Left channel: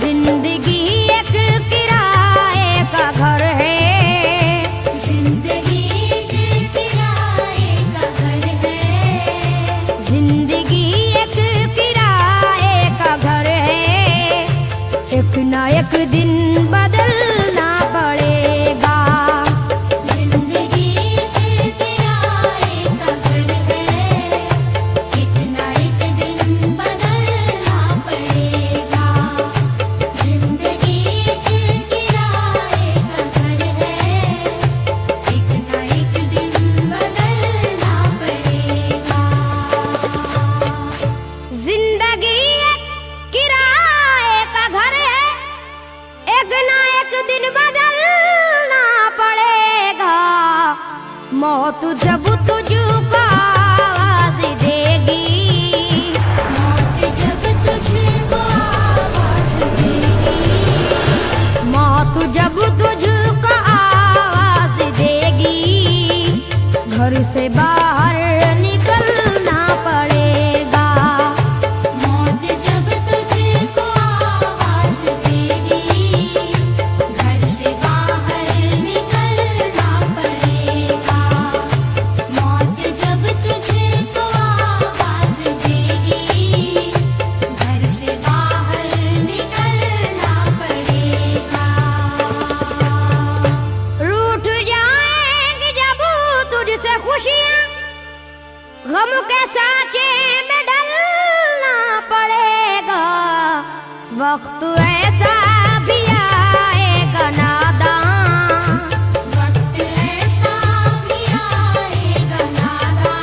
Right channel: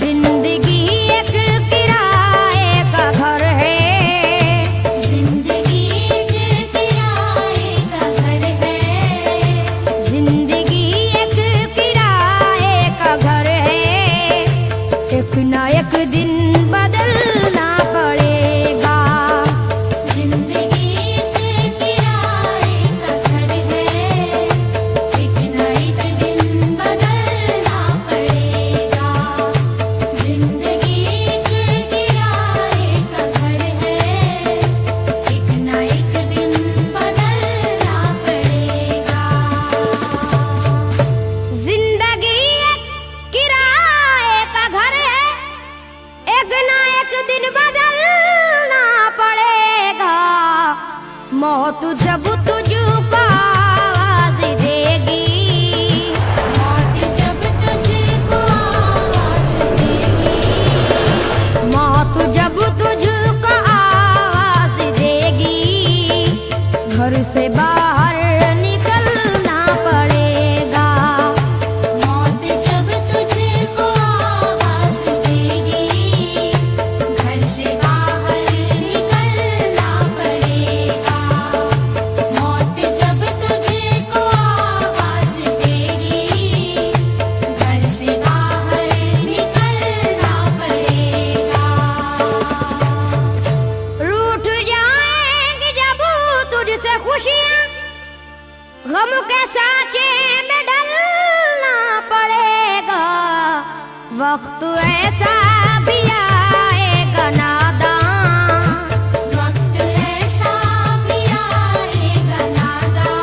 जिंदगी एक किराए का घर है, जिंदगी एक किराए का घर है, जिंदगी एक किराए का घर है। एक ना एक दिन बदलना पड़ेगा। जिंदगी एक किराए का घर है, एक ना एक दिन बदलना पड़ेगा। जिंदगी एक किराए का घर है, एक ना एक दिन बदलना पड़ेगा। जिंदगी एक किराए का घर है, एक ना एक दिन बदलना पड़ेगा। मौत जब तुझको आवाज देगी, जब तुझको आवाज़ देगी, मौत जब तुझको आवाज देगी, घर से बाहर निकलना पड़ेगा। मौत जब तुझको आवाज़ देगी, घर से बाहर निकलना पड़ेगा। मौत जब तुझको आवाज़ देगी, घर से बाहर निकलना पड़ेगा। रूठ जाएंगी जब तुझसे खुशियां, गम के साँचे में ढलना पड़ेगा। वक्त ऐसा भी आएगा नादान, वक्त ऐसा भी आएगा नादान,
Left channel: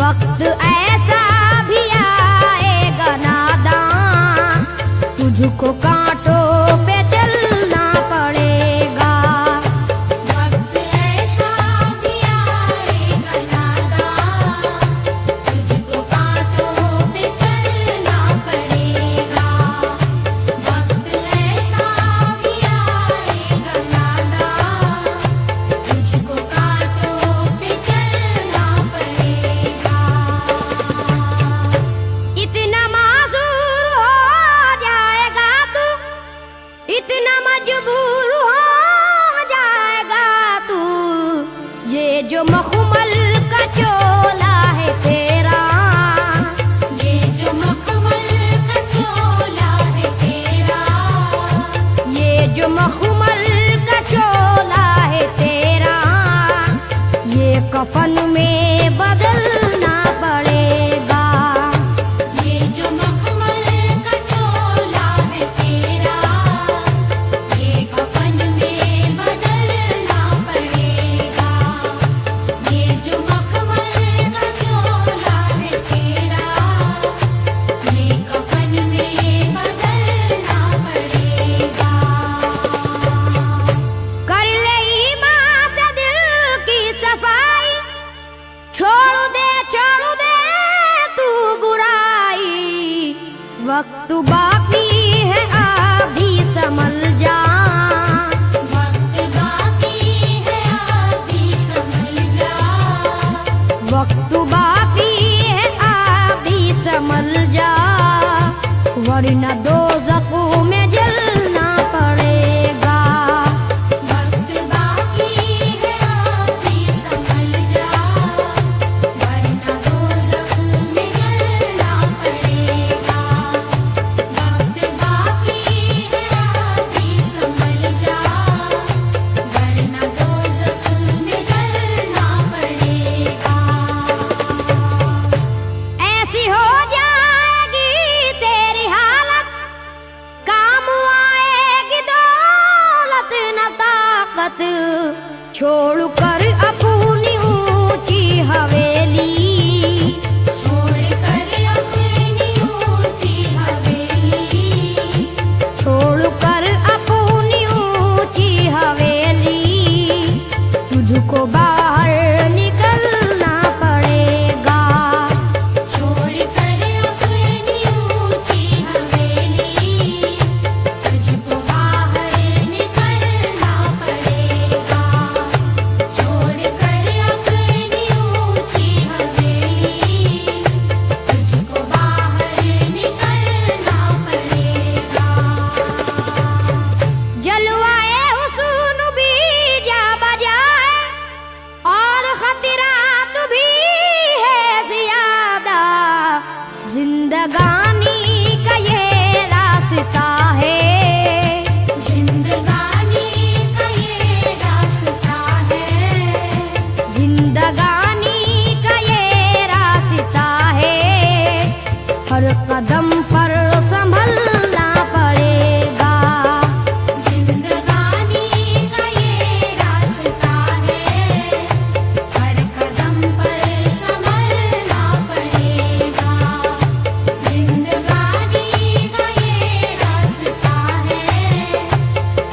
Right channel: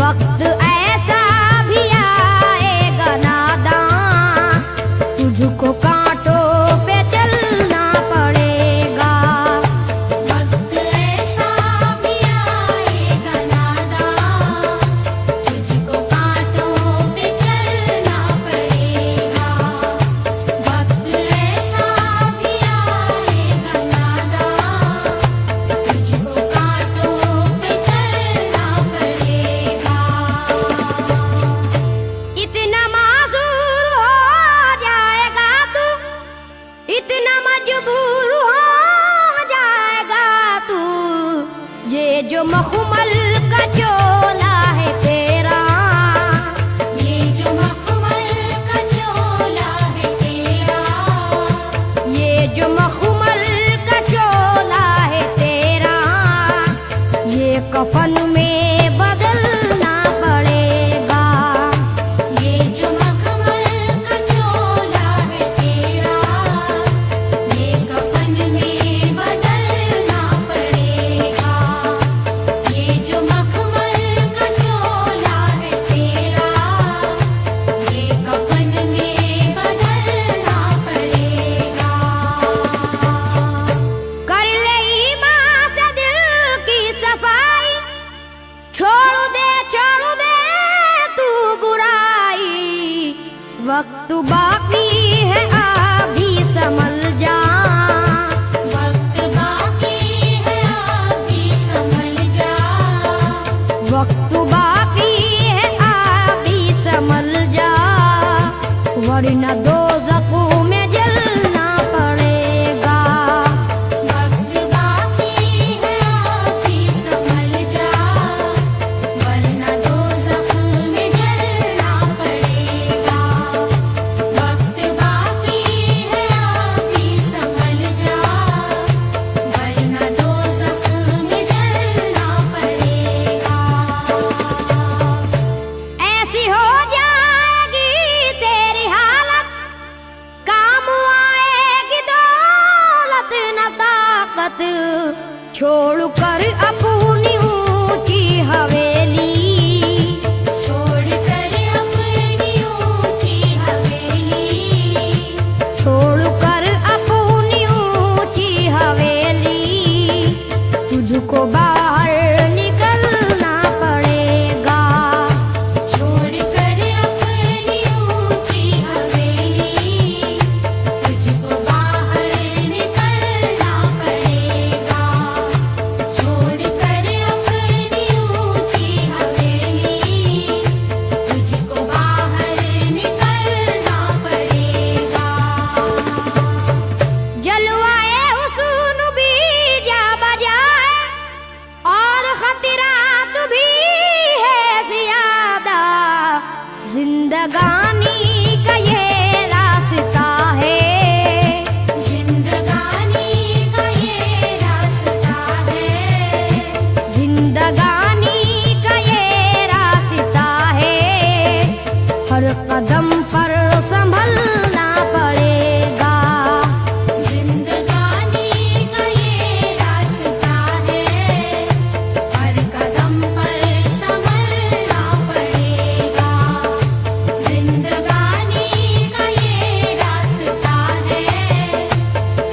वक्त ऐसा भी आएगा नादान। तुझको कांटों पे चलना पड़ेगा। वक्त ऐसा भी आएगा नादान, तुझको कांटों पे चलना पड़ेगा। वक्त ऐसा भी आएगा नादान, तुझको कांटों पे चलना पड़ेगा। इतना मासूर हो जाएगा तू, इतना मजबूर हो जाएगा तू। ये जो मखमल का चोला है तेरा, ये जो मखमल का चोला है तेरा, ये जो मखमल का चोला है तेरा, ये कफन में बदलना पड़ेगा। ये जो मखमल का चोला है तेरा, ये कफन में बदलना पड़ेगा। ये जो मखमल का चोला है तेरा, ये कफन में बदलना पड़ेगा। कर ले ईमान से दिल की सफाई, छोड़ दे तू बुराई। वक्त बाकी है अभी संभल जा, वक्त बाकी है अभी संभल जा, वक्त बाकी है अभी संभल जा। वरना दोज़ख में जलना पड़ेगा। वक्त बाकी है अभी संभल जा, वरना दोज़ख में जलना पड़ेगा। वक्त बाकी है अभी संभल जा, वरना दोज़ख में जलना पड़ेगा। ऐसी हो जाएगी तेरी हालत, काम जिंदगानी का ये रास्ता है, जिंदगानी का ये रास्ता है, जिंदगानी का ये रास्ता है। हर कदम पर संभलना पड़ेगा, जिंदगानी का ये रास्ता है, हर कदम पर संभलना पड़ेगा। जिंदगानी का ये रास्ता है,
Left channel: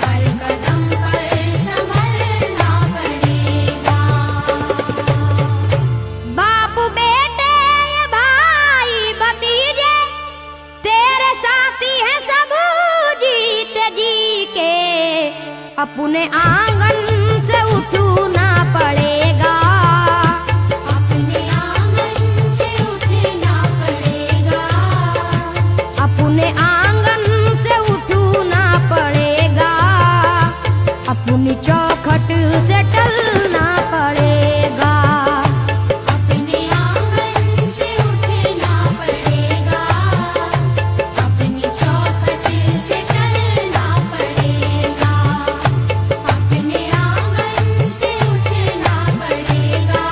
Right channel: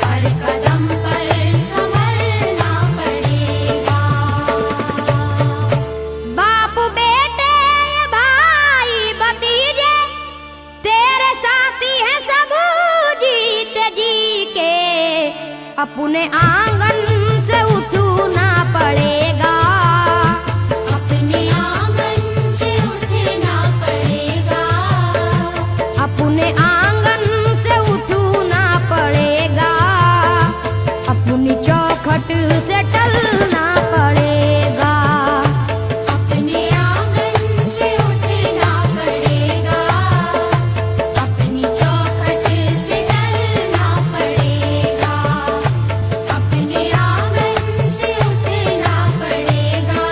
हर कदम पर संभलना पड़ेगा। बाप बेटे भाई भतीजे तेरे साथी हैं सब जीते जी के, अपने आंगन से उठना पड़ेगा, अपने आंगन से उठना पड़ेगा, अपने आंगन से उठना पड़ेगा, अपनी चौखट से टलना पड़ेगा, अपने आंगन से उठना पड़ेगा, अपनी चौखट से टलना पड़ेगा, अपने आंगन से उठना पड़ेगा,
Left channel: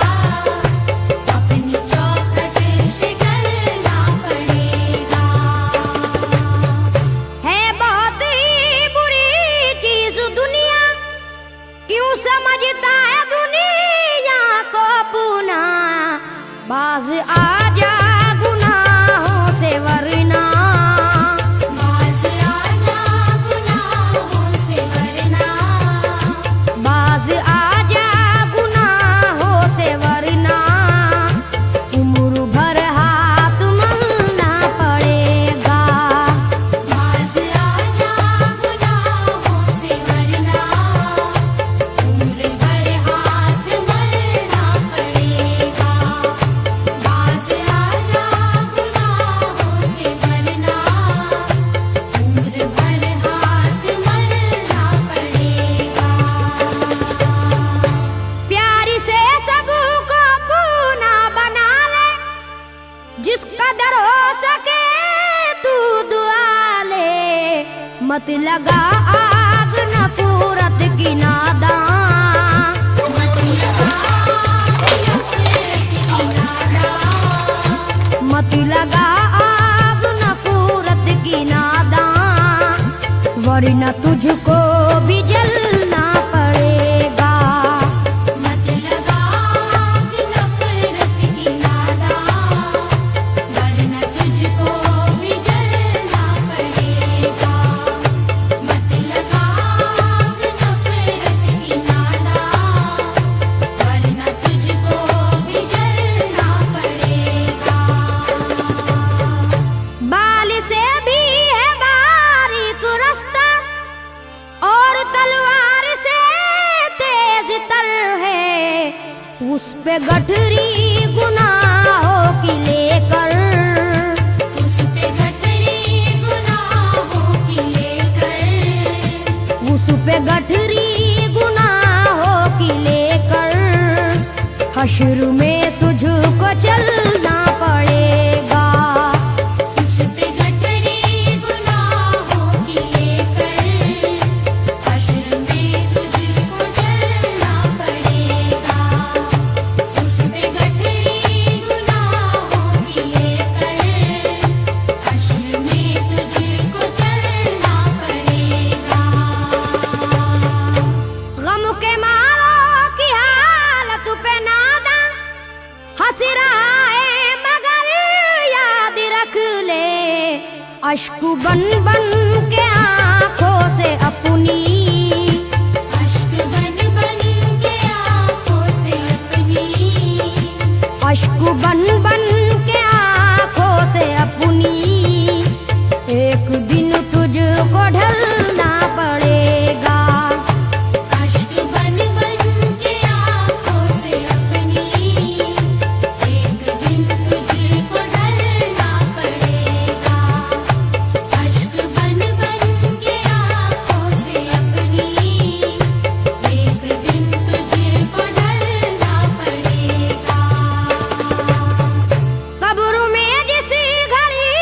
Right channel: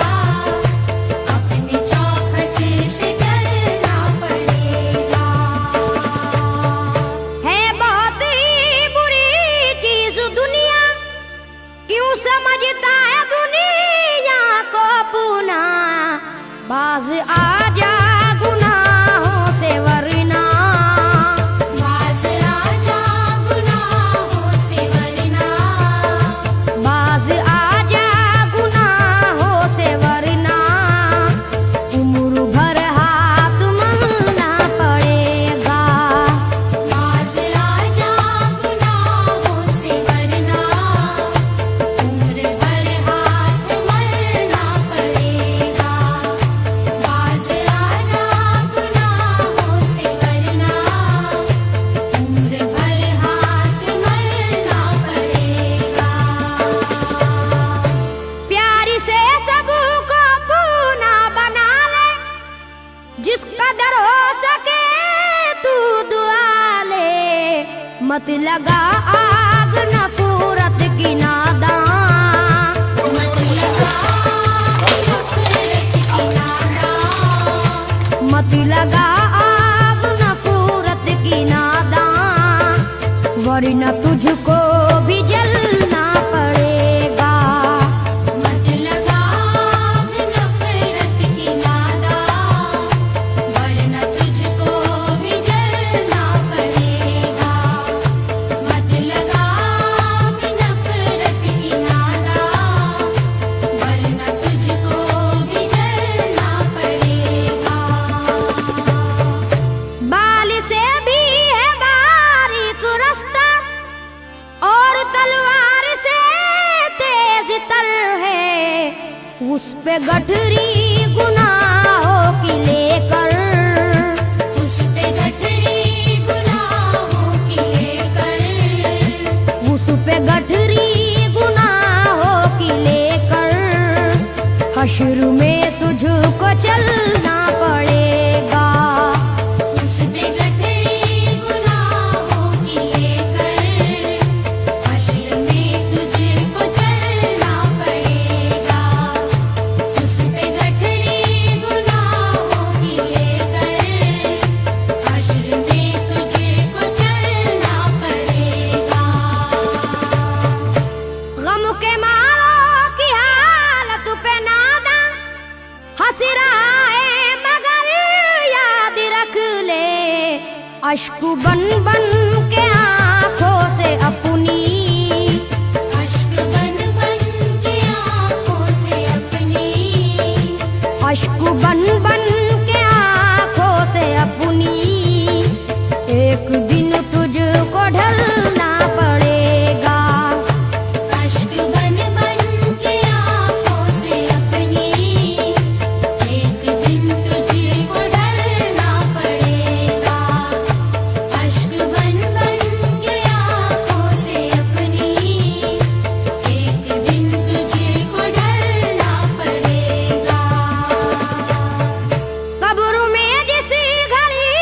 अपनी चौखट से टलना पड़ेगा। है बहुत ही बुरी चीज दुनिया, क्यों समझता है दुनिया को पुना, बाज आजा गुनाहों से वरना, बाज आजा गुनाहों से वरना, बाज आजा गुनाहों से वरना, उम्र भर हाथ मलना पड़ेगा, बाज आजा गुनाहों से वरना, उम्र भर हाथ मलना पड़ेगा। बाज आजा गुनाहों से वरना, उम्र भर हाथ मलना पड़ेगा। प्यार से सबको पूना बना ले, जिस कदर हो सके तू दुआ ले, मत लगा आग नफरत की नादान, मत लगा आग नफरत की नादान, वरना तुझको भी जलना पड़ेगा, मत लगा आग नफरत की नादान, वरना तुझको भी जलना पड़ेगा। मत लगा आग नफरत की नादान, वरना तुझको भी जलना पड़ेगा। बाल से भी है बारीक रास्ता और तलवार से तेज तर है, उस पे गठरी गुनाहों की लेकर, उस पे गठरी गुनाहों की लेकर, उस पे गठरी गुनाहों की लेकर, हश्र में तुझको चलना पड़ेगा, उस पे गठरी गुनाहों की लेकर, हश्र में तुझको चलना पड़ेगा। उस पे गठरी गुनाहों की लेकर, हश्र में तुझको चलना पड़ेगा। गम के मारों की हालत पे नादा हंस रहा है मगर याद रख ले, अश्क बन बन के आंखों से अपनी, अश्क बन बन के आँखों से अपनी, अश्क बन बन के आंखों से अपनी, एक दिन तुझको ढलना पड़ेगा, अश्क बन बन के आँखों से अपनी, एक दिन तुझको डरना पड़ेगा। अश्क बन बन के आँखों से अपनी, एक दिन तुझको डरना पड़ेगा। कब्र में जिस घड़ी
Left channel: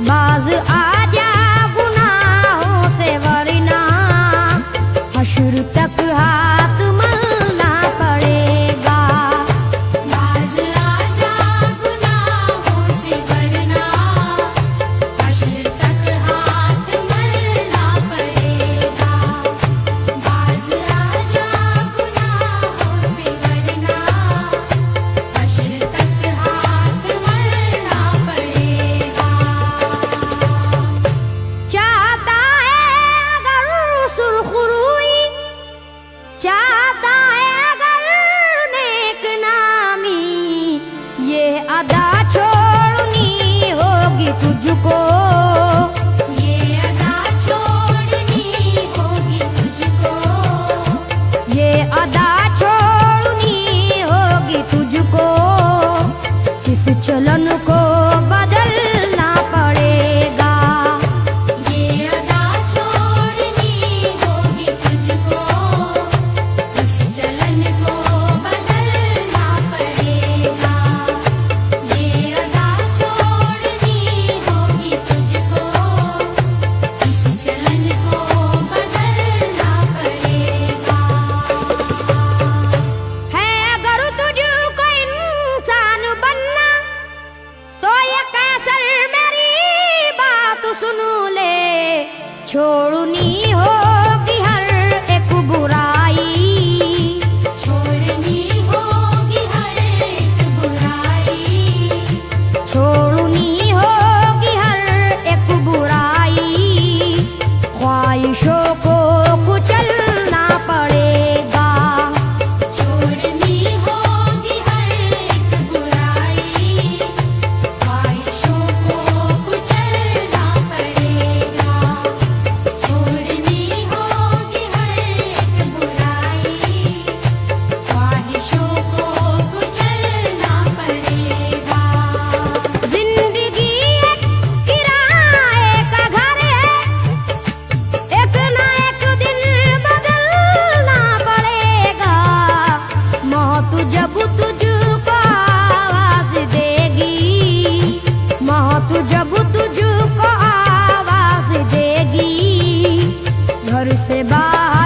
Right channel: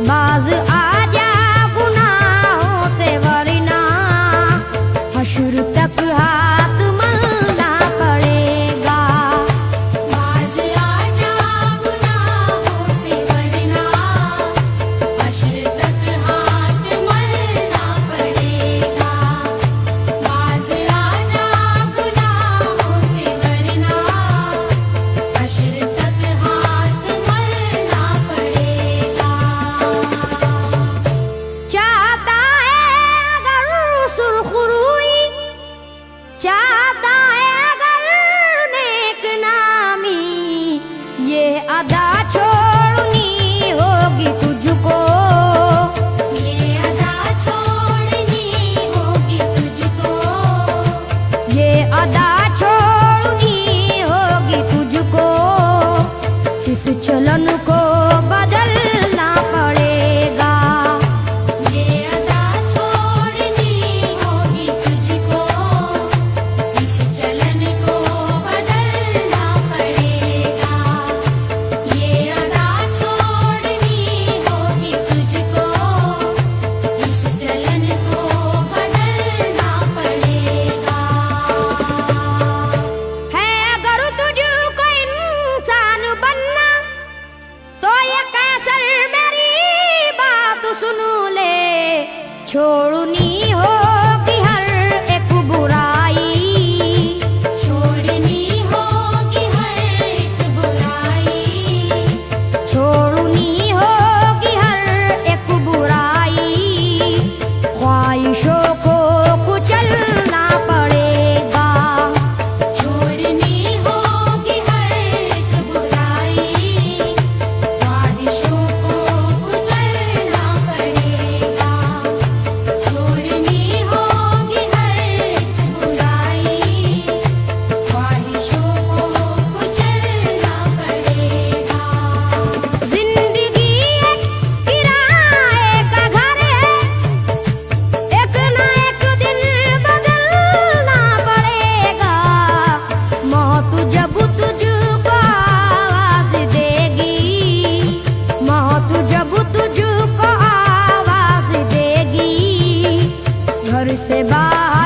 बाज आजा गुनाहों से वरना हश्र तक हाथ मलना पड़ेगा। बाज आजा गुनाहों से वरना हश्र तक हाथ मलना पड़ेगा। बाज आजा गुनाहों से वरना हश्र तक हाथ मलना पड़ेगा। चाहता है अगर सुरखरुई, चाहता है अगर नेक नामी, ये अदा छोड़नी होगी तुझको। ये अदा छोड़नी होगी तुझको। ये अदा छोड़नी होगी तुझको। इस चलन को बदलना पड़ेगा। ये अदा छोड़नी होगी तुझको। इस चलन को बदलना पड़ेगा। ये अदा छोड़नी होगी तुझको। इस चलन को बदलना पड़ेगा। है अगर तुझको इंसान बनना तो ये कैसर मेरी बात सुन ले। छोड़नी होगी हर एक बुराई, छोड़नी होगी हर एक बुराई। छोड़नी होगी हर एक बुराई। ख्वाहिशों को कुचलना पड़ेगा। छोड़नी होगी हर एक बुराई। ख्वाहिशों को कुचलना पड़ेगा। छोड़नी होगी हर एक बुराई। ख्वाहिशों को कुचलना पड़ेगा। जिंदगी एक किराए का घर है, एक ना एक दिन बदलना पड़ेगा। मौत जब तुझको आवाज देगी, मौत जब तुझको आवाज देगी, घर से बाहर